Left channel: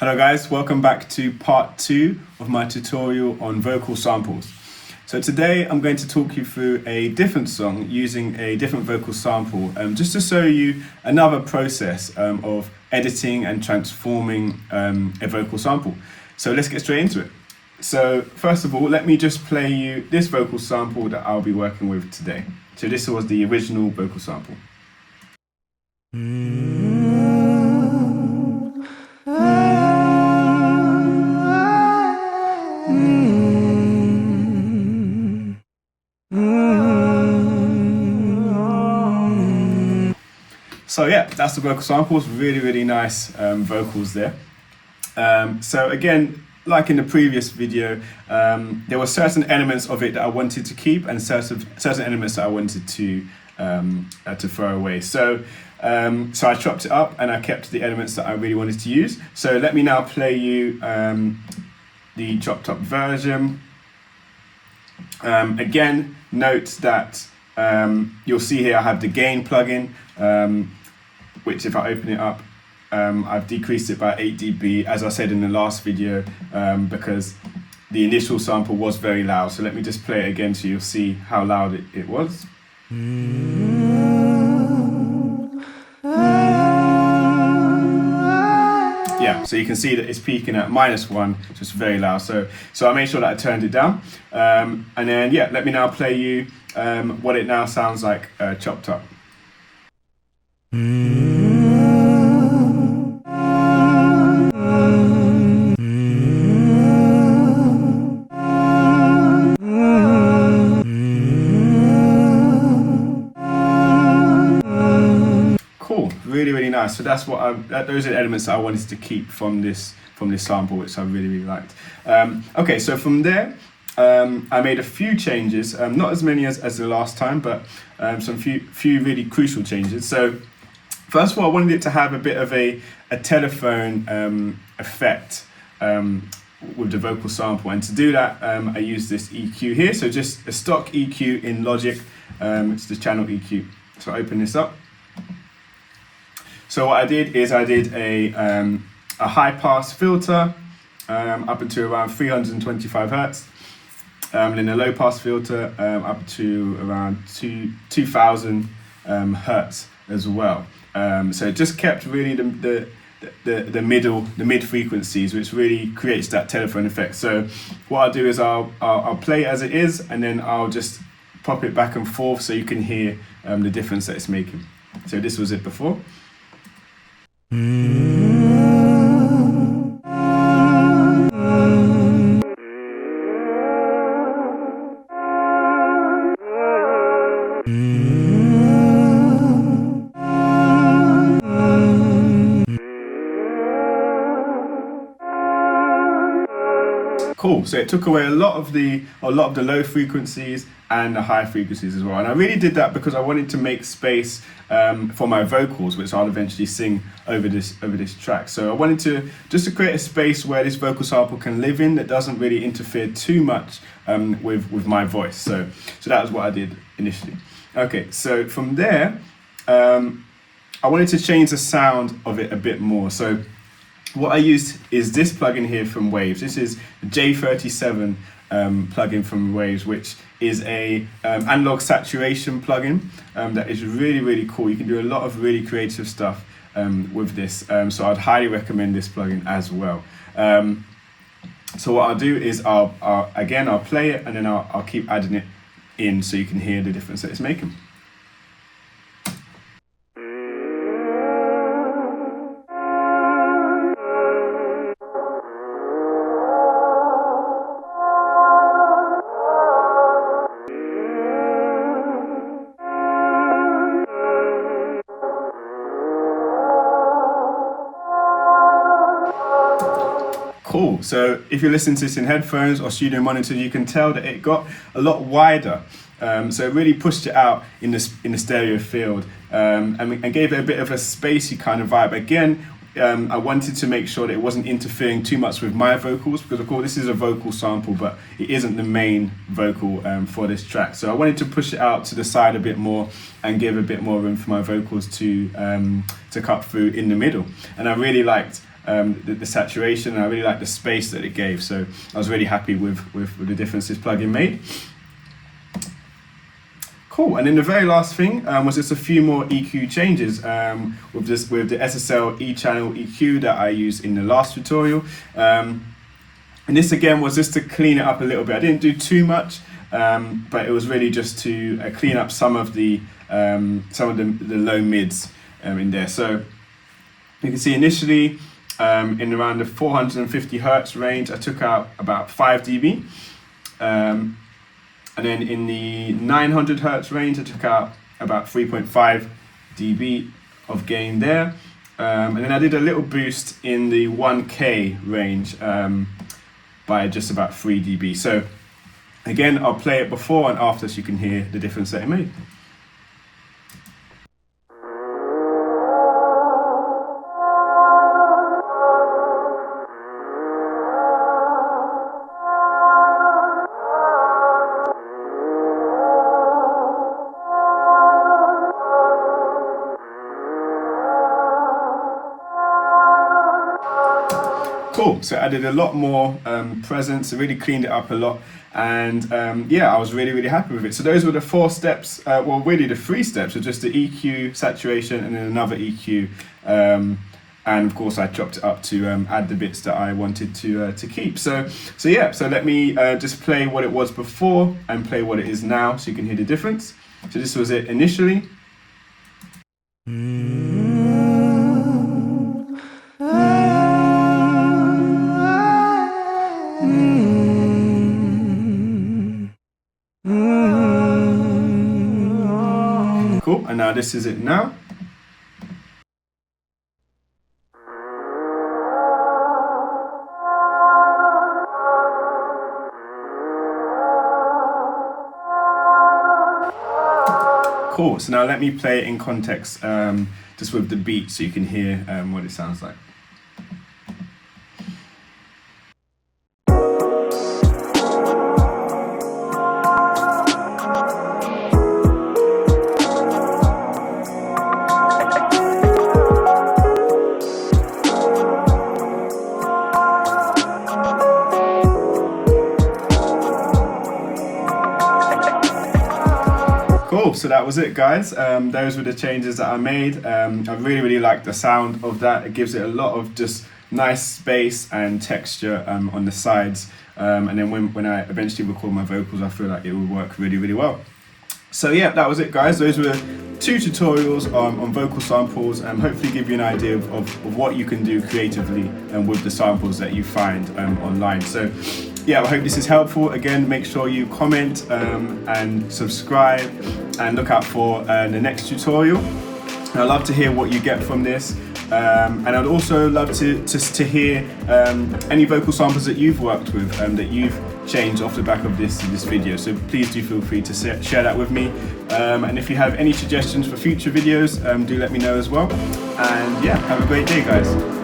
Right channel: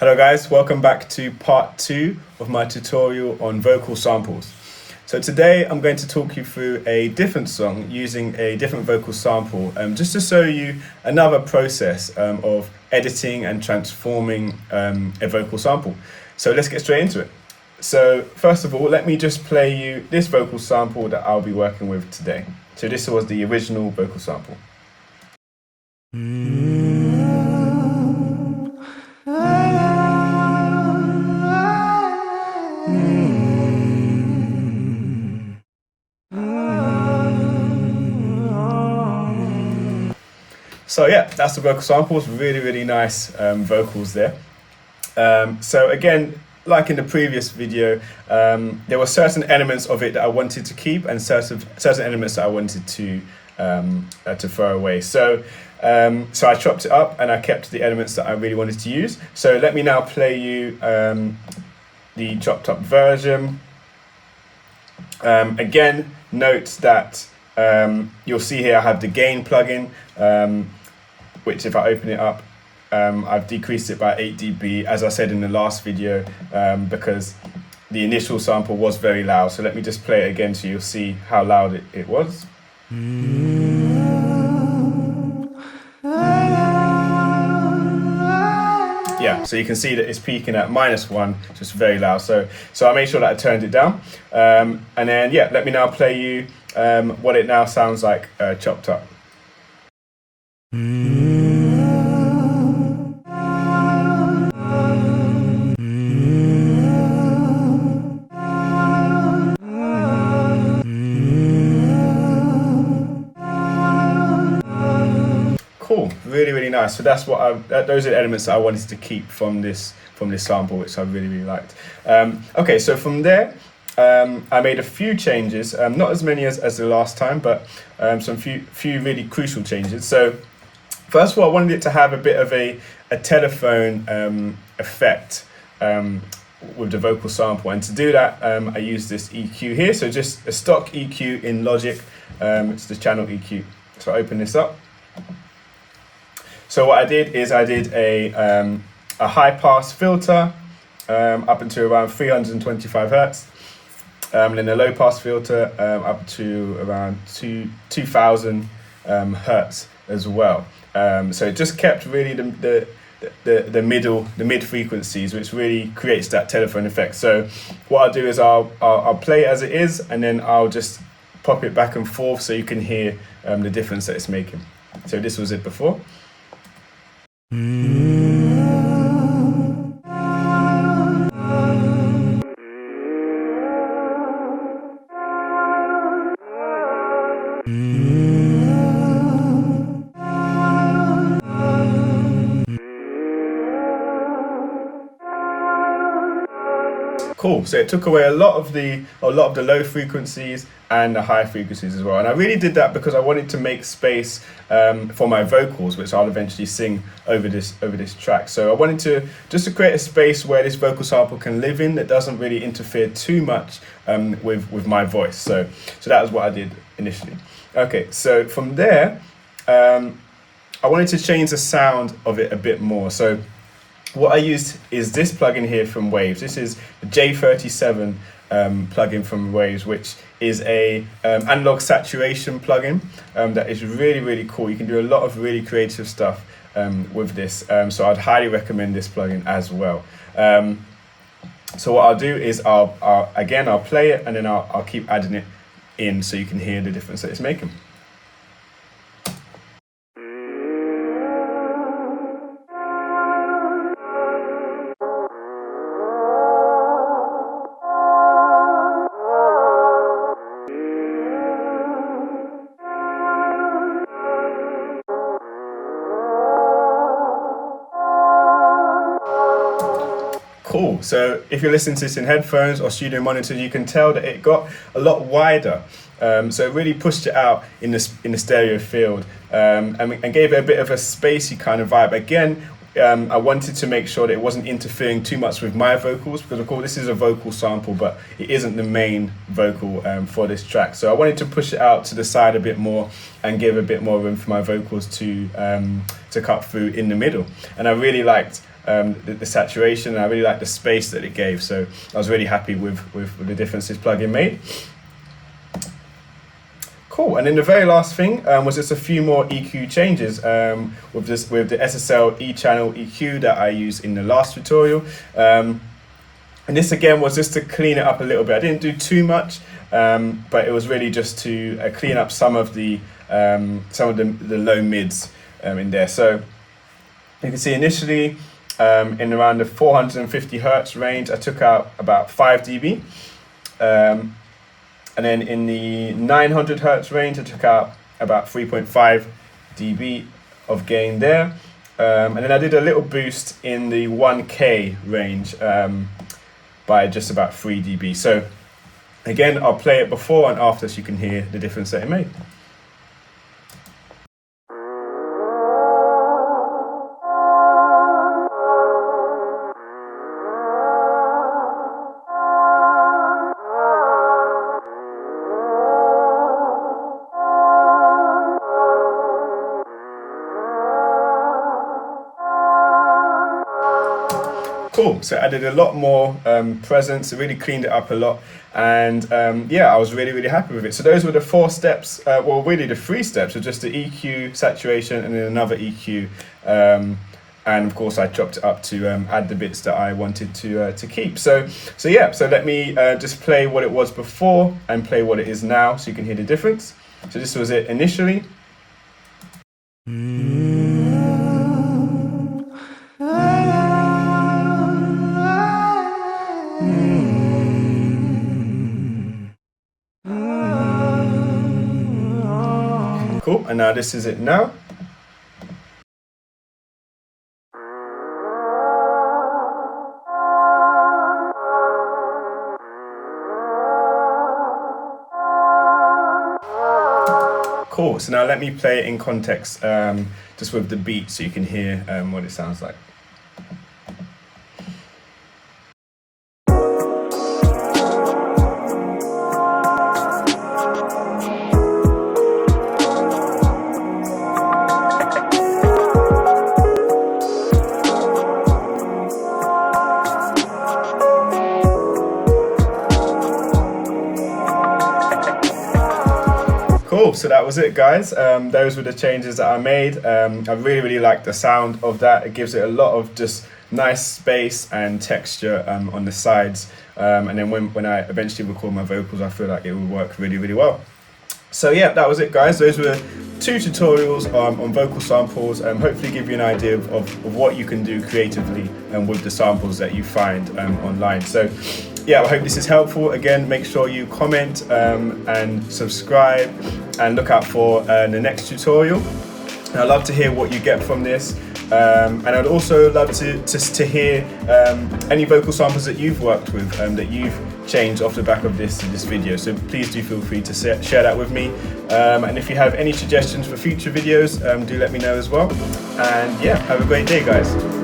Hello guys, welcome back to part 2 of my tutorial on vocal samples. So today I'm going to talk you through a different song using a different vocal sample, just to show you another process of editing and transforming a vocal sample. So let's get straight into it. So first of all, let me just play you this vocal sample that I'll be working with today. So this was the original vocal sample. So yeah, that's the vocal samples, really nice vocals there. So again, like in the previous video, there were certain elements of it that I wanted to keep and certain elements that I wanted to throw away. So I chopped it up and I kept the elements that I really wanted to use. So let me now play you the chopped up version. Again, note that you'll see here I have the gain plugin, which if I open it up, I've decreased it by 8 dB, as I said in the last video, because the initial sample was very loud. So let me just play it again so you'll see how loud it was. Yeah, so you can see that it's peaking at -1, so it's very loud. So I made sure that I turned it down. And then, yeah, let me now play you what it now sounds like chopped up. Cool, really nice. So that's what those are the elements that I wanted to keep from this sample, which I really liked. Okay, so from there, I made a few changes, not as many as the last time, but some few really crucial changes. So first of all, I wanted it to have a bit of a telephone effect with the vocal sample, and to do that, I used this EQ here. So just a stock EQ in Logic. It's the channel EQ. So I open this up. So what I did is I did a high pass filter up into around 325 hertz, and then a low pass filter up to around 2000 hertz as well. So it just kept really the mid frequencies, which really creates that telephone effect. So what I'll do is I'll play it as it is, and then I'll just pop it back and forth so you can hear the difference that it's making. So this was it before. Cool. So it took away a lot of the low frequencies and the high frequencies as well. And I really did that because I wanted to make space for my vocals, which I'll eventually sing over this track. So I wanted to create a space where this vocal sample can live in that doesn't really interfere too much with my voice. So that was what I did initially. Okay. So from there, I wanted to change the sound of it a bit more. So what I used is this plugin here from Waves. This is the J37 plugin from Waves, which is a analog saturation plugin that is really cool. You can do a lot of really creative stuff with this. So I'd highly recommend this plugin as well. So what I'll do is I'll play it, and then I'll keep adding it in so you can hear the difference that it's making. Cool. So if you're listening to this in headphones or studio monitors, you can tell that it got a lot wider. So it really pushed it out in the stereo field, and gave it a bit of a spacey kind of vibe. Again, I wanted to make sure that it wasn't interfering too much with my vocals, because of course this is a vocal sample, but it isn't the main vocal for this track. So I wanted to push it out to the side a bit more and give a bit more room for my vocals to cut through in the middle. And I really liked the saturation, and I really liked the space that it gave. So I was really happy with the difference this plugin made. Cool, and then the very last thing was just a few more EQ changes with the SSL E-channel EQ that I used in the last tutorial. And this again was just to clean it up a little bit. I didn't do too much, but it was really just to clean up some of the low mids in there. So you can see initially in around the 450 hertz range, I took out about 5 dB. And then in the 900 hertz range, I took out about 3.5 dB of gain there. And then I did a little boost in the 1K range by just about 3 dB. So again, I'll play it before and after so you can hear the difference that it made. Cool, so I added a lot more presence, it really cleaned it up a lot, and yeah, I was really happy with it. So those were the 4 steps, well really the 3 steps, so just the EQ, saturation, and then another EQ, and of course I chopped it up to add the bits that I wanted to keep. So yeah, so let me just play what it was before and play what it is now so you can hear the difference. So this was it initially. Cool, and now this is it now. Cool, so now let me play it in context, just with the beat so you can hear what it sounds like. Cool, so that was it guys. Those were the changes that I made. I really liked the sound of that. It gives it a lot of just nice space and texture on the sides. And then when I eventually record my vocals, I feel like it will work really well. So yeah, that was it guys. Those were 2 tutorials on vocal samples, hopefully give you an idea of what you can do creatively and with the samples that you find online. So yeah, I hope this is helpful. Again, make sure you comment and subscribe and look out for the next tutorial. And I'd love to hear what you get from this. And I'd also love to hear any vocal samples that you've worked with, that you've changed off the back of this video. So please do feel free to share that with me. And if you have any suggestions for future videos, do let me know as well. And yeah, have a great day guys.